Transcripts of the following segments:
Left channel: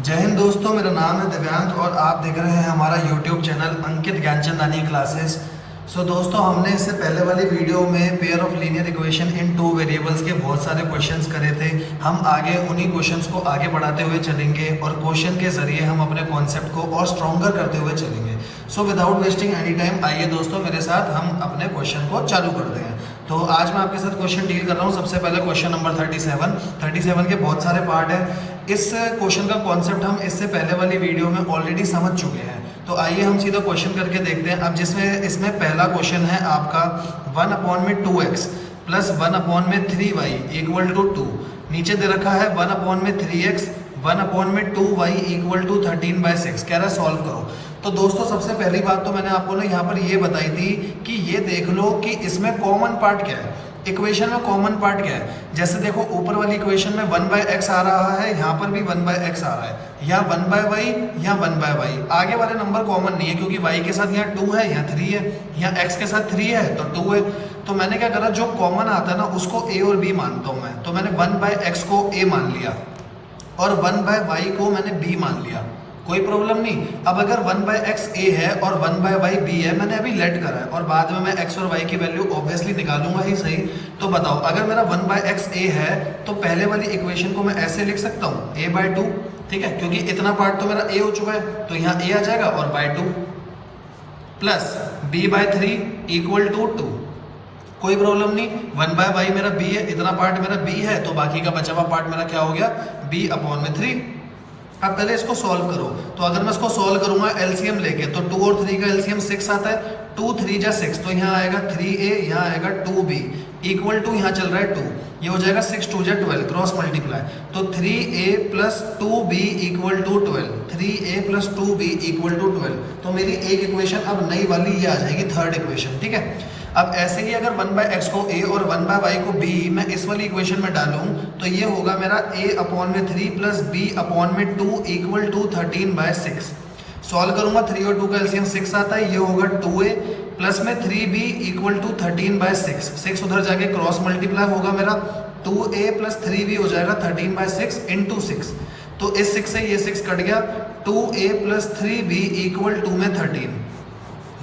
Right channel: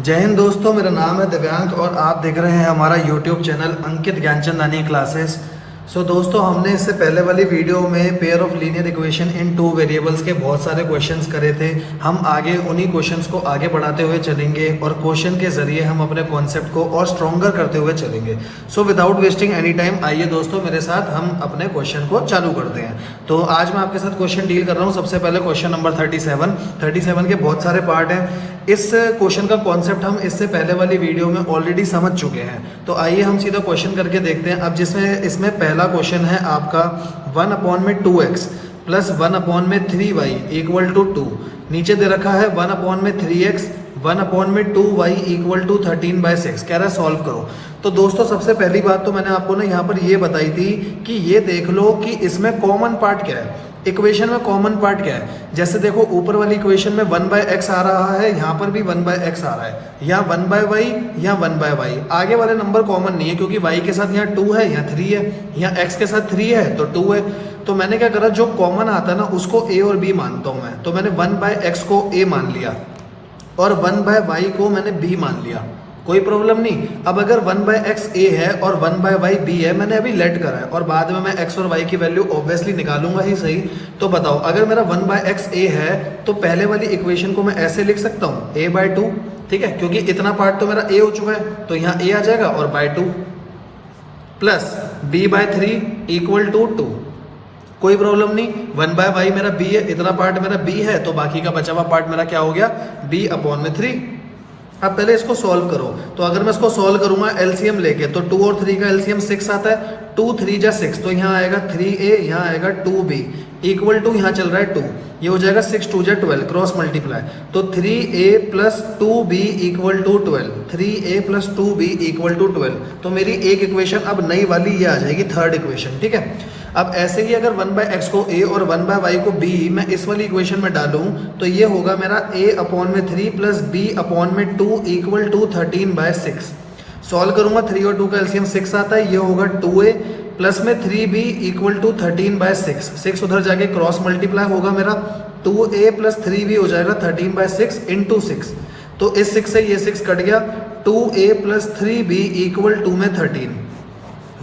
जय हिंद दोस्तों, मेरा नाम है दिव्यांक और आप देख रहे हैं हमारा YouTube चैनल अंकित ज्ञानचंद नानी क्लासेस। दोस्तों, हमने इससे पहले वाली वीडियो में pair of linear equation in two variables के बहुत सारे क्वेश्चंस करे थे। हम आगे उन्हीं क्वेश्चंस को आगे बढ़ाते हुए चलेंगे और क्वेश्चन के जरिए हम अपने कॉन्सेप्ट को और स्ट्रॉन्गर करते हुए चलेंगे। विदाउट वेस्टिंग एनी टाइम, आइए दोस्तों मेरे साथ हम अपने क्वेश्चन को चालू करते हैं। तो आज मैं आपके साथ क्वेश्चन डील कर रहा हूँ। सबसे पहले क्वेश्चन नंबर 37 के बहुत सारे पार्ट हैं। इस क्वेश्चन का कॉन्सेप्ट हम इससे पहले वाली वीडियो में ऑलरेडी समझ चुके हैं। तो आइए हम सीधा क्वेश्चन करके देखते हैं। अब जिसमें इसमें पहला क्वेश्चन है आपका 1/2x plus 1/3y equal to 2। नीचे दे रखा है 1/3x 1/2y इक्वल टू 13/6। कह रहा है सॉल्व करो। तो दोस्तों, सबसे पहली बात तो मैंने आपको ना यहाँ पर ये बताई थी कि ये देख लो कि इसमें कॉमन पार्ट क्या है। इक्वेशन में कॉमन पार्ट क्या है। जैसे देखो, ऊपर वाली इक्वेशन में 1/x आ रहा है, यहाँ पर भी 1/x आ रहा है, यहाँ 1/y, यहाँ 1/y। आगे वाले नंबर कॉमन नहीं है क्योंकि y के साथ यहाँ 2 है, यहाँ 3 है, यहाँ x के साथ 3 है तो 2 है। तो मैंने क्या करा, जो कॉमन आता है ना उसको a और b मानता हूं मैं। तो मैंने 1/x को a मान लिया और 1/y को मैंने b मान लिया, कोई प्रॉब्लम नहीं। अब अगर 1/x a है और 1/y b है, मैंने अभी लेट करा है और बाद में मैं x और y की वैल्यू ऑब्वियसली निकालूंगा ही सही। तो बताओ, अगर मेरा 1/x a है तो पहले वाली इक्वेशन को मैं ऐसे लिख सकता हूं a/2, ठीक है, क्योंकि इतना पार्ट तो मेरा a हो चुका है तो यहाँ a आ जाएगा और /2 प्लस b/3 इक्वल टू 2। कोई प्रॉब्लम नहीं। 1/y मेरा b है, इतना पार्ट मेरा b है तो बाकी का बचा हुआ पार्ट मेरा क्या हो गया, b/3। अब पहले इसको सॉल्व करो। तो अगर मैं इसको सॉल्व करूंगा एलसीएम लेके तो 2 और 3 का एलसीएम 6 आता है। 2 3 जा 6, तो यहाँ आएगा 3a, यहाँ आएगा 2b इक्वल टू, यहाँ चल रहा है 2, ये हो जाएगा 6 2 जा 12, क्रॉस मल्टीप्लाई। तो 3a plus 2b equal to 12, 3a plus 2b equal to 12। तो मेरी एक इक्वेशन अब नई वाली ये आ जाएगी, थर्ड इक्वेशन, ठीक है। अब ऐसे ही अगर 1/x को a और 1/y को b मैं इस वाली इक्वेशन में डालूं तो ये होगा मेरा a/3 plus b/2 equal to 13/6। Solve करूंगा, 3 और 2 का एलसीएम 6 आता है, ये होगा 2a प्लस में 3b इक्वल टू 13/6। 6 उधर जाके क्रॉस मल्टीप्लाई होगा मेरा, 2a प्लस 3b हो जाएगा 13/6 इंटू 6। तो इस 6 से ये 6 कट गया, 2a plus 3b equal to में 13।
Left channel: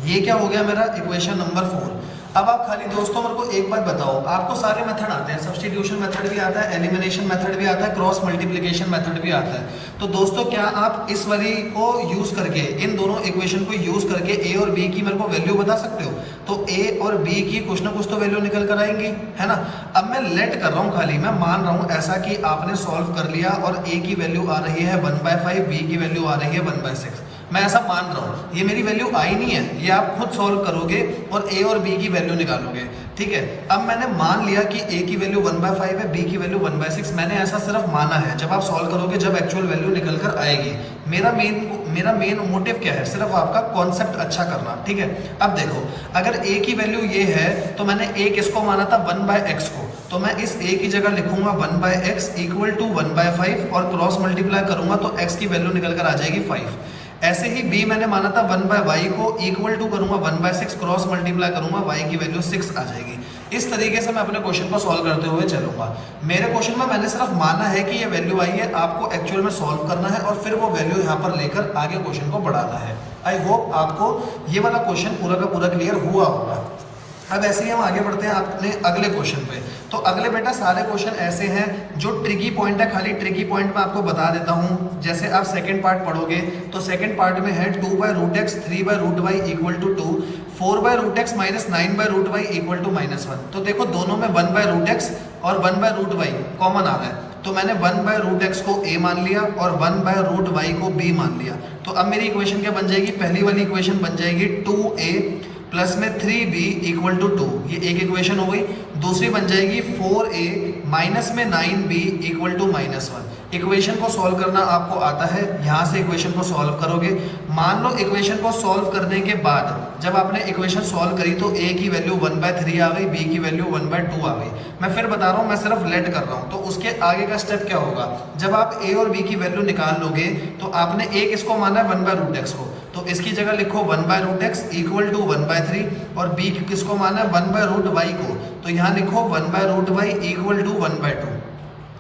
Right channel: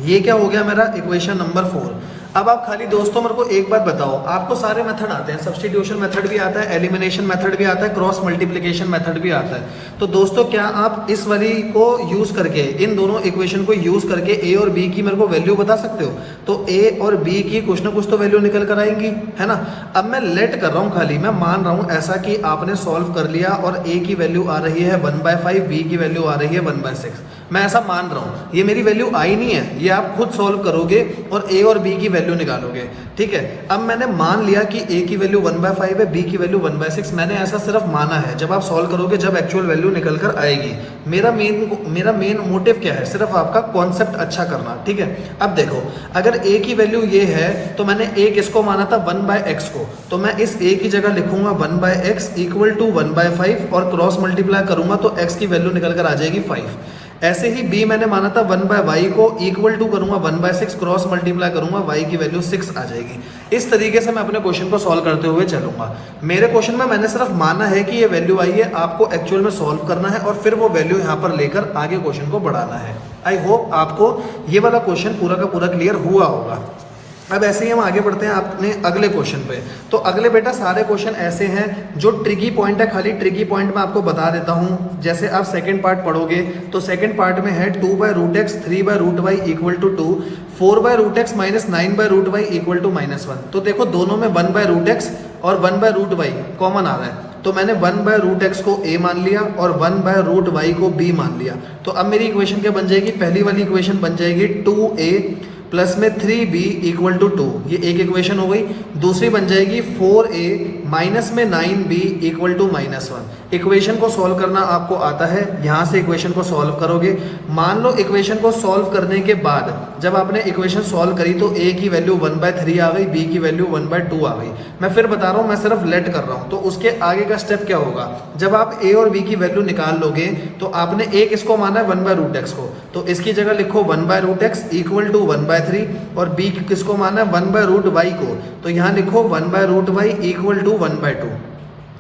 ये क्या हो गया मेरा इक्वेशन नंबर 4। अब आप खाली दोस्तों मेरे को एक बात बताओ, आपको सारे मेथड आते हैं, सब्स्टिट्यूशन मेथड भी आता है, एलिमिनेशन मेथड भी आता है, क्रॉस मल्टीप्लिकेशन मेथड भी आता है। तो दोस्तों, क्या आप इस वाली को यूज करके, इन दोनों इक्वेशन को यूज करके a और b की मेरे को वैल्यू बता सकते हो? तो a और b की कुछ ना कुछ तो वैल्यू निकल कर आएंगी, है ना। अब मैं लेट कर रहा हूं, खाली मैं मान रहा हूं ऐसा कि आपने सॉल्व कर लिया और a की वैल्यू आ रही है 1/5, b की वैल्यू आ रही है 1/6। मैं ऐसा मान रहा हूं, ये मेरी वैल्यू आई नहीं है, ये आप खुद सॉल्व करोगे और a और b की वैल्यू निकालोगे, ठीक है। अब मैंने मान लिया कि a की वैल्यू 1/5 है, b की वैल्यू 1/6। मैंने ऐसा सिर्फ माना है, जब आप सॉल्व करोगे, जब एक्चुअल वैल्यू निकल कर आएगी। मेरा मेन मोटिव क्या है, सिर्फ आपका कॉन्सेप्ट अच्छा करना, ठीक है। अब देखो, अगर a की वैल्यू ये है तो मैंने a किसको माना था, 1/x को, तो मैं इस a की जगह लिखूंगा 1/x इक्वल टू 1/5 और क्रॉस मल्टीप्लाई करूंगा तो x की वैल्यू निकल कर आ जाएगी 5। ऐसे ही b मैंने माना था 1/y को इक्वल टू करूंगा 1/6, क्रॉस मल्टीप्लाई करूंगा, y की वैल्यू 6 आ जाएगी। इस तरीके से मैं अपने क्वेश्चन को सॉल्व करते हुए चलूंगा। मेरे क्वेश्चन में मैंने सिर्फ माना है कि ये वैल्यू आई है, आपको एक्चुअल में सॉल्व करना है और फिर वो वैल्यू यहाँ पर लेकर आगे क्वेश्चन को बढ़ाना है। आई होप आपको ये वाला क्वेश्चन पूरा का पूरा क्लियर हुआ होगा। अब ऐसे ही हम आगे बढ़ते हैं अपने अगले क्वेश्चन पे। तो अगले बेटा सारे क्वेश्चन ऐसे हैं जो ट्रिकी पॉइंट है, खाली ट्रिकी पॉइंट मैं आपको बता देता हूं। जैसे आप सेकंड पार्ट पढ़ोगे तो सेकंड पार्ट में है 2/√x 3/√y equal to 2, 4/√x minus 9/√y equal to -1। तो देखो, दोनों में 1/√x और 1/√y कॉमन आ रहा है, तो मैंने 1/√x को a मान लिया और 1/√y को b मान लिया। तो अब मेरी इक्वेशन क्या बन जाएगी, पहली वाली इक्वेशन बन जाएगी 2a प्लस में 3b इक्वल टू 2, ये एक इक्वेशन हो गई। दूसरी बन जाएगी 4a माइनस में 9b इक्वल टू -1। इक्वेशन को सॉल्व करना आपको आता है, यहां से इक्वेशन को सॉल्व करोगे। मान लो इक्वेशन को सॉल्व करने के बाद जब आपने इक्वेशन सॉल्व करी तो a की वैल्यू 1/3 आ गई, b की वैल्यू 1/2 आ गई। मैं फिर बता रहा हूं, मैं सिर्फ लेट कर रहा हूं। तो उसके आगे का स्टेप क्या होगा, जब आप a और b की वैल्यू निकाल लोगे तो आपने a किसको माना है, 1/√x को, तो इसकी जगह लिखो 1/√x इक्वल टू 1/3 और b किसको माना है, 1/√y को, तो यहाँ लिखो 1/√y इक्वल टू 1/2।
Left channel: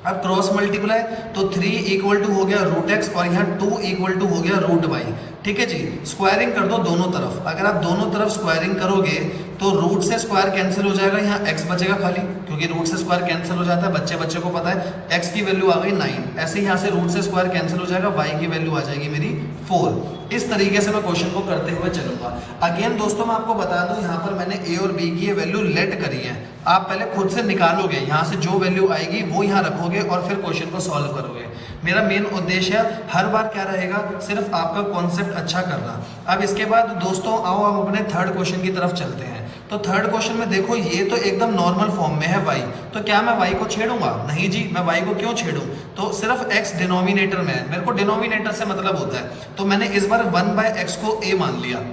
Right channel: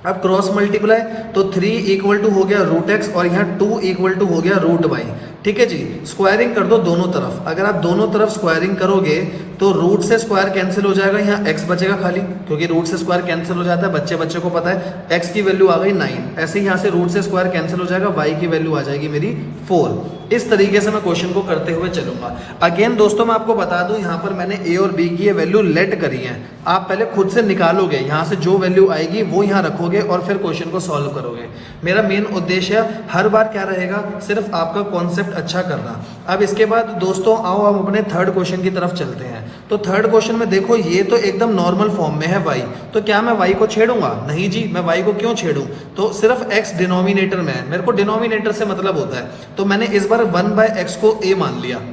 अब क्रॉस मल्टीप्लाई तो 3 इक्वल टू हो गया रूट एक्स और यहाँ 2 इक्वल टू हो गया रूट वाई। ठीक है जी, स्क्वायरिंग कर दो दोनों तरफ। अगर आप दोनों तरफ स्क्वायरिंग करोगे तो रूट से स्क्वायर कैंसिल हो जाएगा, यहाँ एक्स बचेगा खाली, क्योंकि रूट से स्क्वायर कैंसिल हो जाता है, बच्चे को पता है। एक्स की वैल्यू आ गई 9, ऐसे यहाँ से रूट से स्क्वायर कैंसिल हो जाएगा, वाई की वैल्यू आ जाएगी मेरी 4। इस तरीके से मैं क्वेश्चन को करते हुए चलूंगा। अगेन दोस्तों मैं आपको बता दूं, यहाँ पर मैंने ए और बी की वैल्यू लेट करी है। आप पहले खुद से निकालोगे, यहाँ से जो वैल्यू आएगी वो यहाँ रखोगे और फिर क्वेश्चन को सॉल्व करोगे। मेरा मेन उद्देश्य हर बार क्या रहेगा, सिर्फ आपका कॉन्सेप्ट अच्छा करना। अब इसके बाद दोस्तों आओ हम अपने थर्ड क्वेश्चन की तरफ चलते हैं। तो थर्ड क्वेश्चन में देखो, ये तो एकदम नॉर्मल फॉर्म में है y, तो क्या मैं y को छेड़ूंगा? नहीं जी, मैं y को क्यों छेड़ूं? तो सिर्फ x डिनोमिनेटर में है, मेरे को डिनोमिनेटर से मतलब होता है। तो मैंने इस बार 1/x को a मान लिया,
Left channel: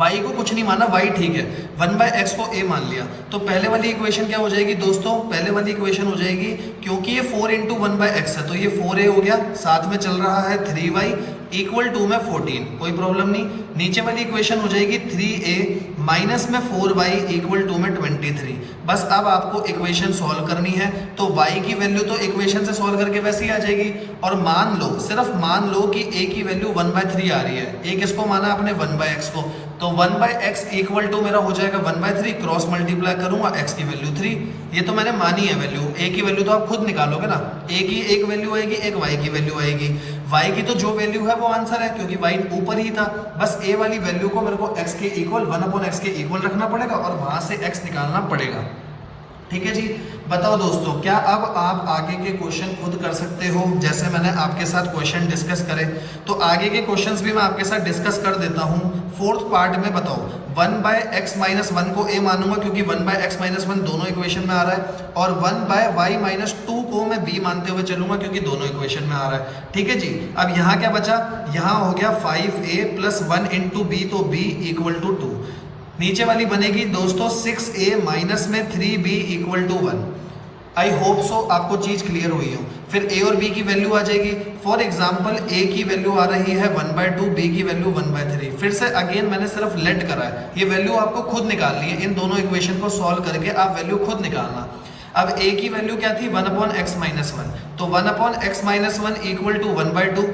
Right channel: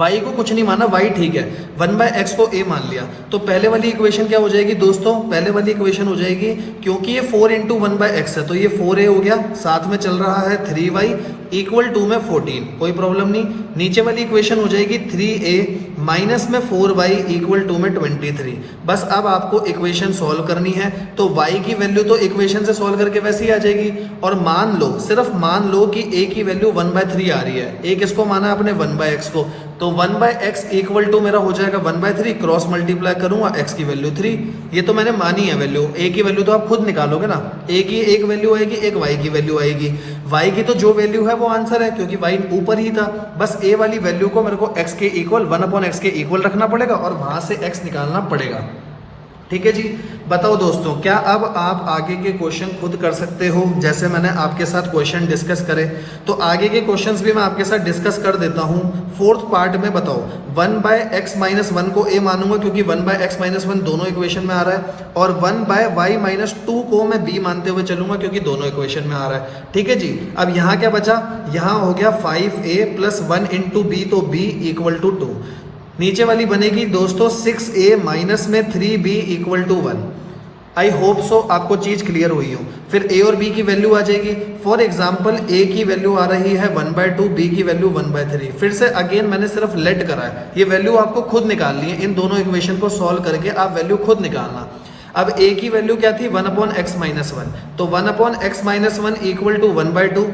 y को कुछ नहीं माना, y ठीक है, 1/x को a मान लिया। तो पहले वाली इक्वेशन क्या हो जाएगी दोस्तों? पहले वाली इक्वेशन हो जाएगी, क्योंकि ये 4 इंटू 1/x है तो ये 4a हो गया, साथ में चल रहा है 3y इक्वल टू में 14, कोई प्रॉब्लम नहीं। नीचे वाली इक्वेशन हो जाएगी 3a माइनस में 4y इक्वल टू में 23। बस अब आपको इक्वेशन सॉल्व करनी है, तो y की वैल्यू तो इक्वेशन से सॉल्व करके वैसे ही आ जाएगी। और मान लो, सिर्फ मान लो कि a की वैल्यू 1/3 आ रही है। a किसको माना आपने? 1/x को। तो 1/x इक्वल टू मेरा हो जाएगा 1/3, क्रॉस मल्टीप्लाई करूंगा, x की वैल्यू 3। ये तो मैंने मानी है वैल्यू, a की वैल्यू तो आप खुद निकालोगे ना। a की एक वैल्यू आएगी, एक y की वैल्यू आएगी। y की तो जो वैल्यू है वो आंसर है, क्योंकि y ऊपर ही था। बस a वाली वैल्यू को मेरे को x के इक्वल 1/x के इक्वल रखना पड़ेगा और वहां से x निकालना पड़ेगा। ठीक है जी, बताओ दोस्तों, क्या अब आप आगे के क्वेश्चन खुद कर सकते हो जैसे मैंने आपके साथ क्वेश्चन डिस्कस करे? तो आगे के क्वेश्चंस भी मैं आपके साथ डिस्कस कर देता हूं। फोर्थ पार्ट में बताओ, 1/x माइनस 1 को a मानूंगा क्योंकि 1/x माइनस 1 दोनों इक्वेशन में आ रहा है, और 1/y माइनस 2 को मैं b मानते हुए चलूंगा क्योंकि दोनों इक्वेशन में आ रहा है। ठीक है जी, अब यहाँ क्या बचा? यहाँ हो गया 5a प्लस 1 इंटू b, तो b इक्वल टू 2। नीचे वाली बनेगी दोस्तों 6a माइनस में 3b equal to 1। I hope so आपको चीज क्लियर हुई हो। फिर a और b की वैल्यू आ जाएगी। फॉर एग्जांपल a की वैल्यू आ रही है 1/2, b की वैल्यू 1/3। फिर से अगेन मैंने सिर्फ लेट करा है, ये वैल्यू आपको खुद निकालनी है। इन दोनों इक्वेशन को सॉल्व करके आप वैल्यू खुद निकालना। अब a की वैल्यू क्या थी? 1/x माइनस 1, तो 1/x minus 1 equal to 1/2,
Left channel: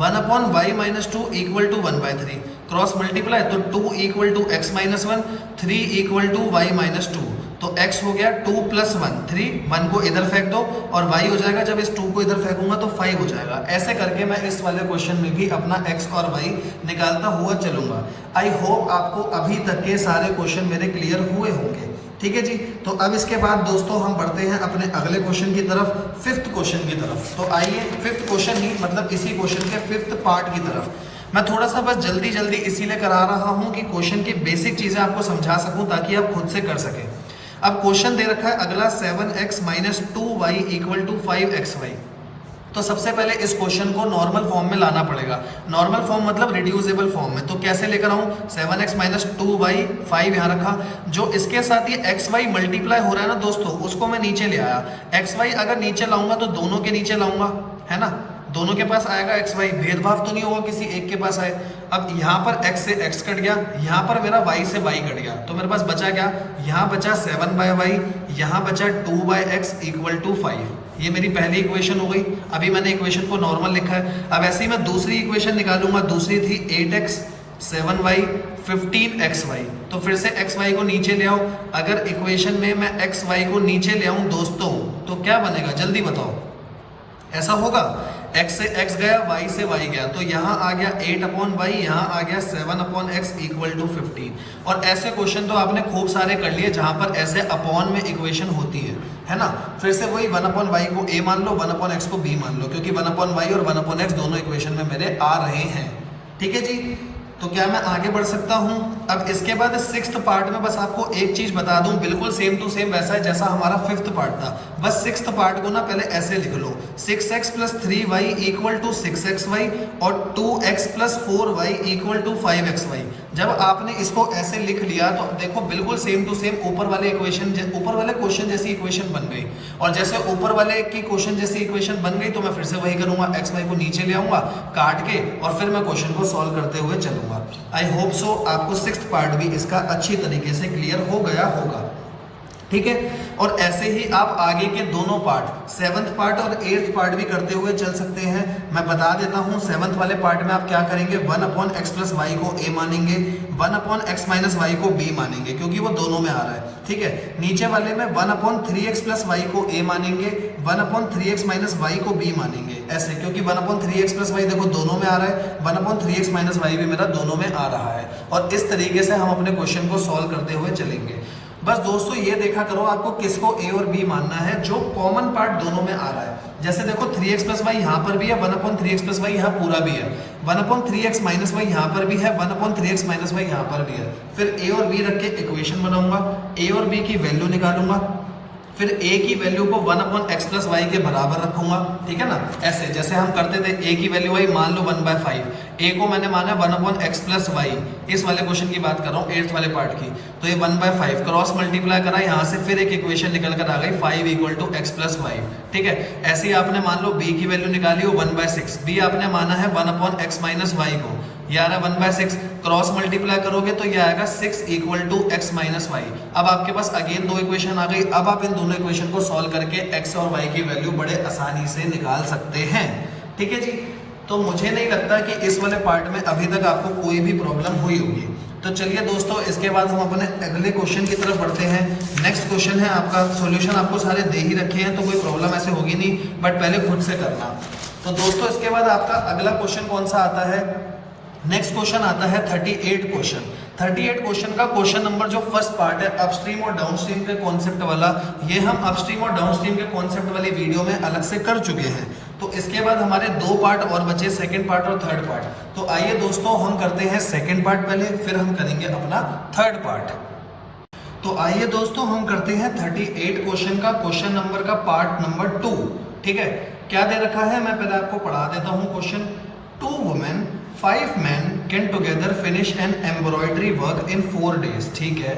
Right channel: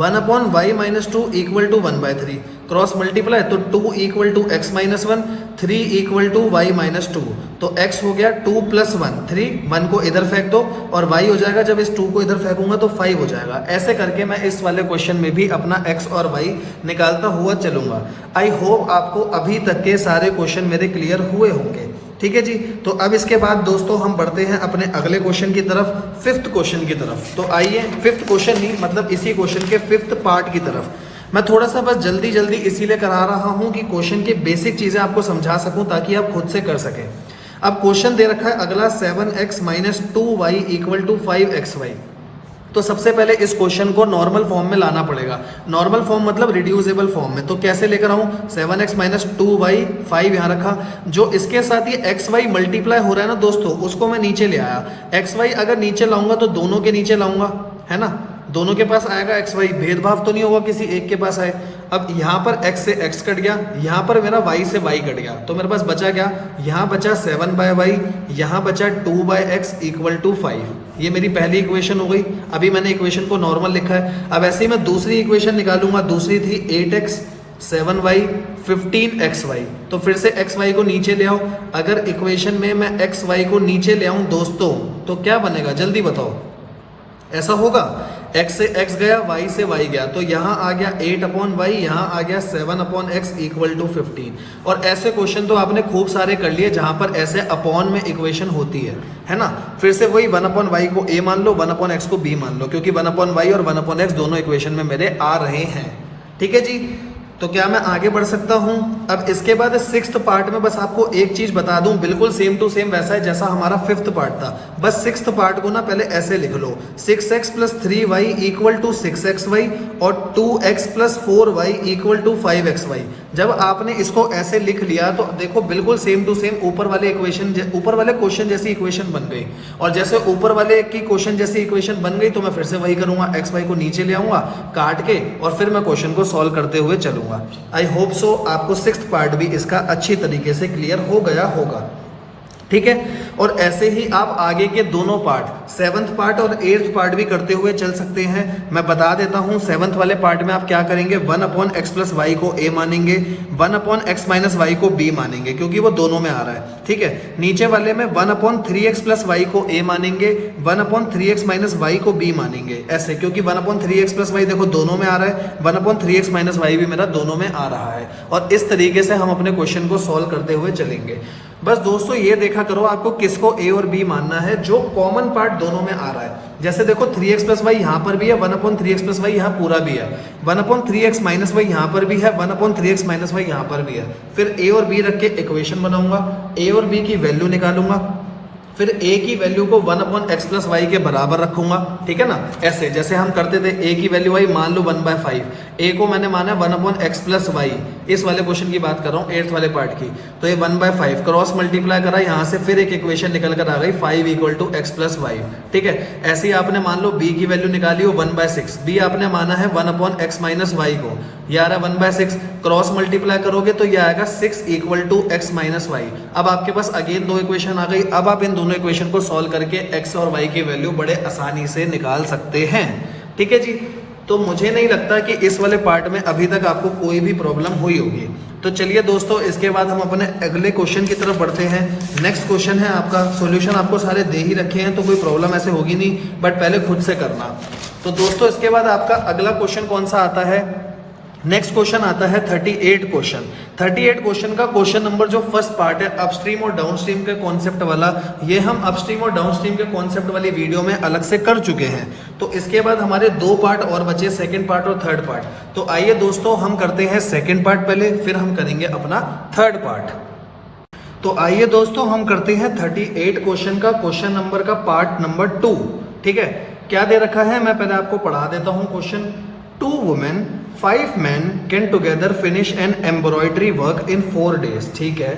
1/y minus 2 equal to 1/3। Cross multiply तो 2 equal to x minus 1, 3 equal to y minus 2। तो x हो गया 2 प्लस 1, 3, 1 को इधर फेंक दो और y हो जाएगा, जब इस 2 को इधर फेंकूंगा तो 5 हो जाएगा। ऐसे करके मैं इस वाले क्वेश्चन में भी अपना x और y निकालता हुआ चलूंगा। आई होप आपको अभी तक के सारे क्वेश्चन मेरे क्लियर हुए होंगे। ठीक है जी, तो अब इसके बाद दोस्तों हम बढ़ते हैं अपने अगले क्वेश्चन की तरफ, फिफ्थ क्वेश्चन की तरफ। तो आइए, फिफ्थ क्वेश्चन ही मतलब इसी क्वेश्चन के फिफ्थ पार्ट की तरफ। मैं थोड़ा सा बस जल्दी जल्दी इसीलिए करा रहा हूं कि क्वेश्चन की बेसिक चीजें आपको समझा सकूं ताकि आप खुद से कर सकें। अब क्वेश्चन दे रखा है अगला 7x minus 2y equal to 5xy। तो सबसे पहले इस क्वेश्चन को नॉर्मल फॉर्म में लाना पड़ेगा। नॉर्मल फॉर्म मतलब रिड्यूसिबल फॉर्म में। तो कैसे लेकर आऊं? 7x माइनस 2y, 5 यहां रखा, जो इसके साथ ये xy मल्टीप्लाई हो रहा है ना दोस्तों, उसको मैं नीचे ले आया। xy अगर नीचे लाऊंगा तो दोनों के नीचे लाऊंगा, है ना, दोनों के पास आएगा xy, भेदभाव तो नहीं होगा किसी एक के पास आए। अब यहाँ पर x से x कट गया, यहाँ पर मेरा y से y कट गया, तो मेरे पास बचा क्या? यहाँ बचा 7/y, यहाँ बचा 2/x इक्वल टू 5। ये मेरी पहली इक्वेशन हो गई। अभी मैंने इक्वेशन को नॉर्मल लिखा है। अब ऐसे ही मैं दूसरी इक्वेशन निकालूंगा। दूसरी थी 8x 7y 15xy। तो फिर से xy को नीचे ले आओ। अगर इक्वेशन में मैं xy को नीचे ले आऊं दोस्तों तो क्या बनेगा? जल्दी बताओ। ऐसा होगा, x से x गया, y से y गया, तो यहाँ आ गया 8/y, यहाँ आ गया 7/x इक्वल टू 15। और ऐसे क्वेश्चन तो आपने खूब सारे कर लिए जहां पर ऐसे अपॉन में इक्वेशन होती है ना। फिर से वही 1/y को a मान लो, 1/x को b मान लो, क्योंकि 1/y और 1/x दोनों इक्वेशन में मेरे आ रहे हैं। ठीक है जी, तो क्या मैं आगे बढ़ सकता हूं? अब इसके बाद सिक्स्थ पार्ट में बस आपको एक चीज बता दूं, बिल्कुल सेम टू सेम वैसा है जैसा हमारा फिफ्थ पार्ट था। बस सिक्स्थ पार्ट को ना पहले ऐसे लिख लो, 6x plus 3y equal to 6xy और 2x plus 4y equal to 5xy। जब आपने इसको ऐसे लिख लिया तो देखो बिल्कुल सेम टू सेम ऊपर वाले क्वेश्चन जैसी इक्वेशन बन गई। और जैसे ऊपर वाले की क्वेश्चन जैसी इक्वेशन बन गई तो मैं फिर से वही करूंगा, xy को नीचे ले आऊंगा काट के और फिर मैं क्वेश्चन को सॉल्व करते हुए चलूंगा। आई होप सो आपको सिक्स्थ पार्ट भी इसका अच्छी तरीके से क्लियर हो गया होगा। ठीक है, और ऐसे ही आप आगे के दोनों पार्ट 7th पार्ट और 8th पार्ट भी करते हुए चल सकते हैं। मैं बता देता हूं 7th वाले पार्ट में आप क्या करेंगे, 1/x प्लस वाई को a मानेंगे, 1/x माइनस वाई को b मानेंगे, क्योंकि वो दोनों में आ रहा है। ठीक है, नीचे वाले में 1/3x प्लस वाई को a मानेंगे, 1/3x माइनस वाई को b मानेंगे, ऐसे, क्योंकि 1/3x प्लस वाई देखो दोनों में आ रहा है, 1/3x माइनस वाई भी मेरा दोनों में आ रहा है। और इस तरीके से हम अपने क्वेश्चन को सॉल्व करते हुए चलेंगे। बस दोस्तों ये देखा करो आपको किसको a और b मानना है, जो कॉमन पार्ट दोनों में आ रहा है। जैसे देखो 3x प्लस वाई यहाँ पर भी है, 1/3x प्लस वाई यहाँ पूरा भी है, 1/3x माइनस वाई यहाँ पर भी है, 1/3x माइनस वाई यहाँ पर भी है। फिर a और b रख के इक्वेशन बनाऊंगा, a और b की वैल्यू निकालूंगा, फिर a की वैल्यू को 1/x प्लस वाई के बराबर रखूंगा। ठीक है ना, ऐसे जैसे हम करते थे, a की वैल्यू वाई मान लो 1/5, a को मैंने माना 1/x प्लस वाई, इस वाले क्वेश्चन की बात कर रहा हूँ 8th वाले पार्ट की, तो ये 1/5 क्रॉस मल्टीप्लाई करा, यहाँ से फिर एक इक्वेशन निकल कर आ गई 5 = x प्लस वाई। ठीक है, ऐसे ही आपने मान लो b की वैल्यू निकाली हो 1/6, b आपने माना है 1/x माइनस वाई को, ये आ रहा है 1/6, क्रॉस मल्टीप्लाई करोगे तो ये आएगा 6 = x माइनस वाई। अब आपके पास अगेन दो इक्वेशन आ गई। अब आप इन दोनों इक्वेशन को सॉल्व करके x और y की वैल्यू बड़े आसानी से निकाल सकते हैं। ठीक है जी, तो मुझे नहीं लगता कि इस वाले पार्ट में अभी तक आपको कोई भी प्रॉब्लम हुई होगी। तो चलिए दोस्तों, इसके बाद हम अपने अगले क्वेश्चन की तरफ बढ़ते हैं। नेक्स्ट क्वेश्चन है आपका, सॉल्यूशन आपको सारे दे ही रखे हैं तो कोई प्रॉब्लम ऐसे होगी नहीं, बट पहले खुद से करना। तो दोस्तों इसके बाद आपका अगला क्वेश्चन कौन सा आता है, नेक्स्ट क्वेश्चन आता है 38 क्वेश्चन। 38 क्वेश्चन का क्वेश्चन नंबर जो फर्स्ट पार्ट है अपस्ट्रीम और डाउनस्ट्रीम के कॉन्सेप्ट वाला, ये हम अपस्ट्रीम और डाउनस्ट्रीम के कॉन्सेप्ट वाली वीडियो में अलग से कर चुके हैं। तो इसके बाद हमारे दो पार्ट और बचे, सेकंड पार्ट और थर्ड पार्ट। तो आइए दोस्तों हम करते हैं सेकंड पार्ट पहले, फिर हम करेंगे अपना थर्ड पार्ट। तो आइए दोस्तों हम करते हैं 38 क्वेश्चन का क्वेश्चन नंबर का पार्ट नंबर 2। ठीक है, क्या दे रखा है मैं पहले आपको पढ़ा देता हूं question. 2 women 5 men can together finish an embroidery work in 4 days। ठीक है,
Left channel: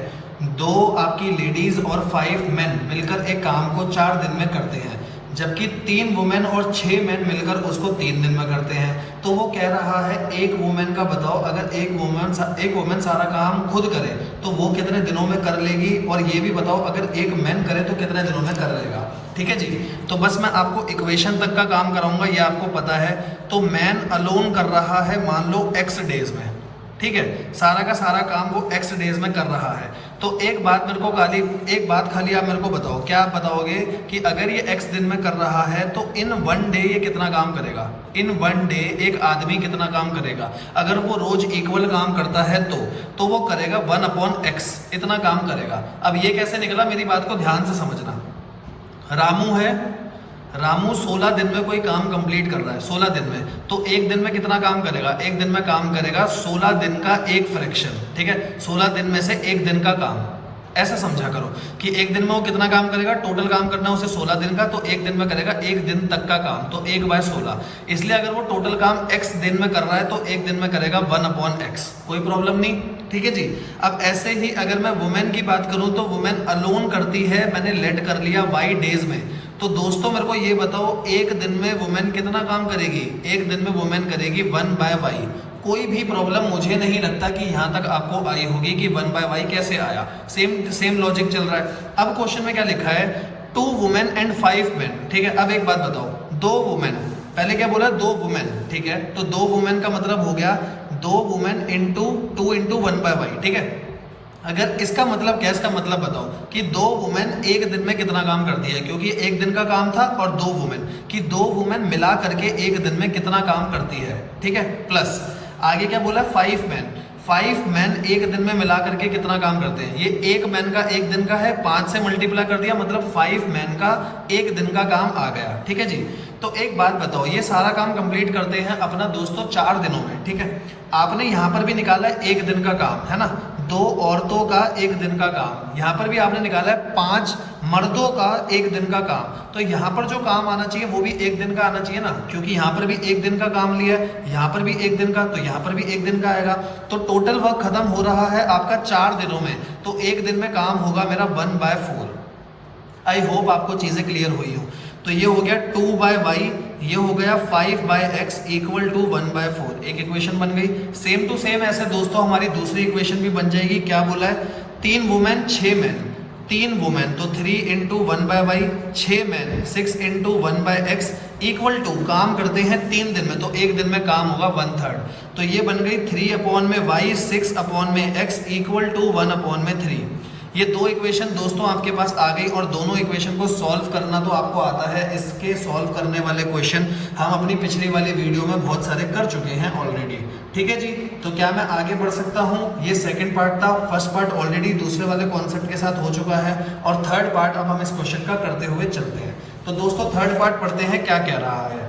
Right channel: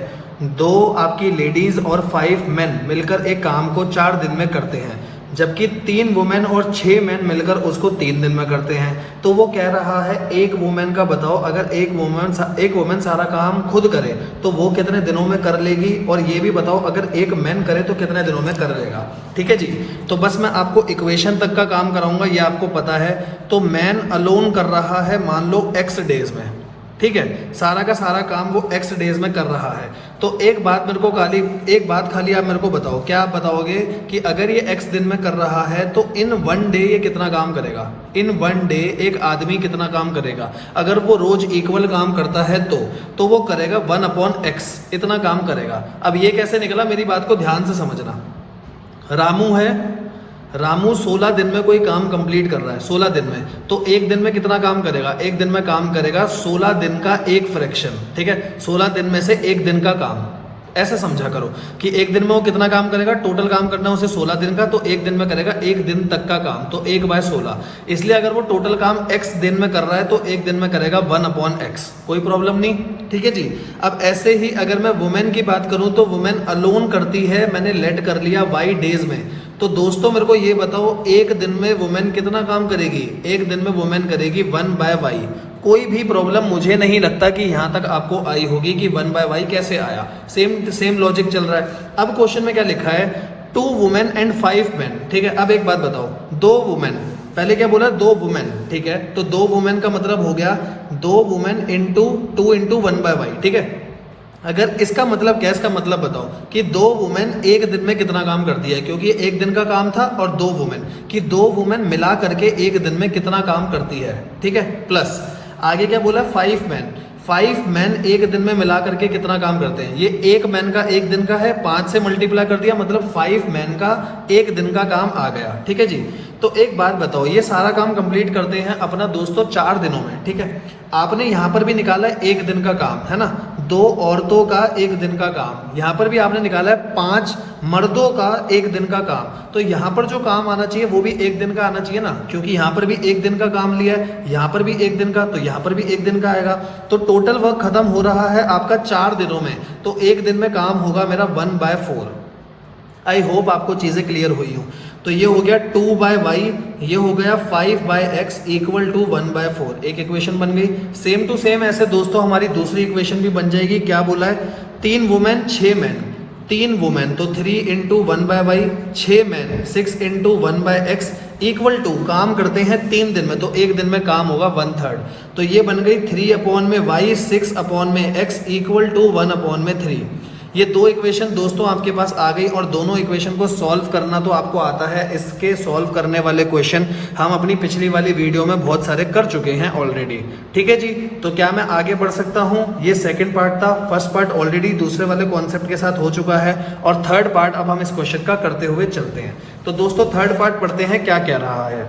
2 आपकी लेडीज और 5 मेन मिलकर एक काम को 4 दिन में करते हैं, जबकि 3 वुमेन और 6 मेन मिलकर उसको 3 दिन में करते हैं। तो वो कह रहा है एक वुमेन का बताओ, अगर एक वुमेन सारा काम खुद करे तो वो कितने दिनों में कर लेगी, और ये भी बताओ अगर एक मैन करे तो कितने दिनों में कर लेगा। ठीक है जी, तो बस मैं आपको इक्वेशन तक का काम कराऊंगा, ये आपको पता है। तो मैन अलोन कर रहा है मान लो x डेज में, ठीक है, सारा का सारा काम वो x डेज में कर रहा है। तो एक बात खाली आप मेरे को बताओ, क्या आप बताओगे कि अगर ये x दिन में कर रहा है तो इन 1 डे ये कितना काम करेगा, इन 1 डे एक आदमी कितना काम करेगा। अगर वो रोज इक्वल काम करता है तो वो करेगा 1/x, इतना काम करेगा। अब ये कैसे निकला, मेरी बात को ध्यान से समझना। रामू 16 दिन में कोई काम कंप्लीट कर रहा है, 16 दिन में, तो एक दिन में कितना काम करेगा, एक दिन में काम करेगा 16 दिन का एक फ्रैक्शन। ठीक है, 16 दिन में से एक दिन का काम, ऐसा समझा करो कि एक दिन में वो कितना काम करेगा, टोटल काम करना है उसे 16 दिन का, तो एक दिन में करेगा एक दिन तक का काम, तो 1/16। इसलिए अगर वो टोटल काम x दिन में कर रहा है तो एक दिन में करेगा 1/x, कोई प्रॉब्लम नहीं। ठीक है जी, अब ऐसे ही अगर मैं वुमेन की बात करूं तो वुमेन अलोन करती है, मैंने लेट कर लिया y डेज में। तो दोस्तों मेरे को ये बताओ एक दिन में वुमेन कितना काम करेगी, एक दिन में वुमेन करेगी 1/y। कोई भी प्रॉब्लम मुझे नहीं लगता कि यहां तक आपको आई होगी कि 1/y कैसे आया, सेम लॉजिक चल रहा है। अब क्वेश्चन में क्या लिखा है, 2 वुमेन एंड 5 मेन। ठीक है, अब एक बात बताओ, 2 वुमेन, पहले क्या बोला, 2 वुमेन। ठीक है, तो 2 वुमेन का मतलब हो गया 2 वुमेन इंटू 2 इंटू 1/y। ठीक है, अगर इसका मतलब क्या, इसका मतलब बताओ कि 2 वुमेन एक दिन में कितना काम करती है, क्योंकि एक दिन का काम था, और 2 वुमेन कि 2 वुमेन मिला करके एक दिन में कितना काम करती है। ठीक है, प्लस आगे क्या बोला, 5 मैन एक दिन में मिला करके कितना काम करते हैं। ये एक मैन का एक दिन का है, 5 से मल्टीप्लाई कर दिया, मतलब 5 मैन का एक दिन का काम आ गया। ठीक है जी, तो एक बात बताओ, ये सारा काम कंप्लीट करते हैं अपना दोस्तों 4 दिनों में। ठीक है, आपने यहां पर भी निकाला है एक दिन का काम, है ना, 2 औरतों का एक दिन का काम, यहां पर भी आपने निकाला है 5 मर्दों का एक दिन का काम। तो यहां पर जो काम आना चाहिए वो भी एक दिन का आना चाहिए ना, क्योंकि यहां पर भी एक दिन का काम लिया है, यहां पर भी एक दिन का, तो यहां पर भी एक दिन का आएगा। तो टोटल वर्क खत्म हो रहा है आपका 4 दिनों में, तो एक दिन में काम होगा मेरा 1/4। आई होप आपको चीजें क्लियर हुई हो। तो ये हो गया 2/y, ये हो गया 5/x इक्वल टू 1/4, एक इक्वेशन बन गई। सेम टू सेम ऐसे दोस्तों हमारी दूसरी इक्वेशन भी बन जाएगी। क्या बोला है, 3 वुमेन 6 मैन, 3 वुमेन, तो 3 into 1/y, 6 man, 6 into 1/x equal to, काम करते हैं 3 दिन में, तो एक दिन में काम होगा 1/3, तो ये बन गई 3/y, 6/x इक्वल टू 1/3। ये दो इक्वेशन दोस्तों आपके पास आ गई, और दोनों इक्वेशन को सॉल्व करना तो आपको आता है। इसके सॉल्व करने वाले क्वेश्चन हम अपनी पिछली वाली वीडियो में बहुत सारे कर चुके हैं ऑलरेडी, ठीक है जी। तो क्या मैं आगे बढ़ सकता हूं? ये सेकंड पार्ट था, फर्स्ट पार्ट ऑलरेडी दूसरे वाले कॉन्सेप्ट के साथ हो चुका है, और थर्ड पार्ट अब हम इस क्वेश्चन का करते हुए चलते हैं। तो दोस्तों थर्ड पार्ट पढ़ते हैं, क्या कह रहा है।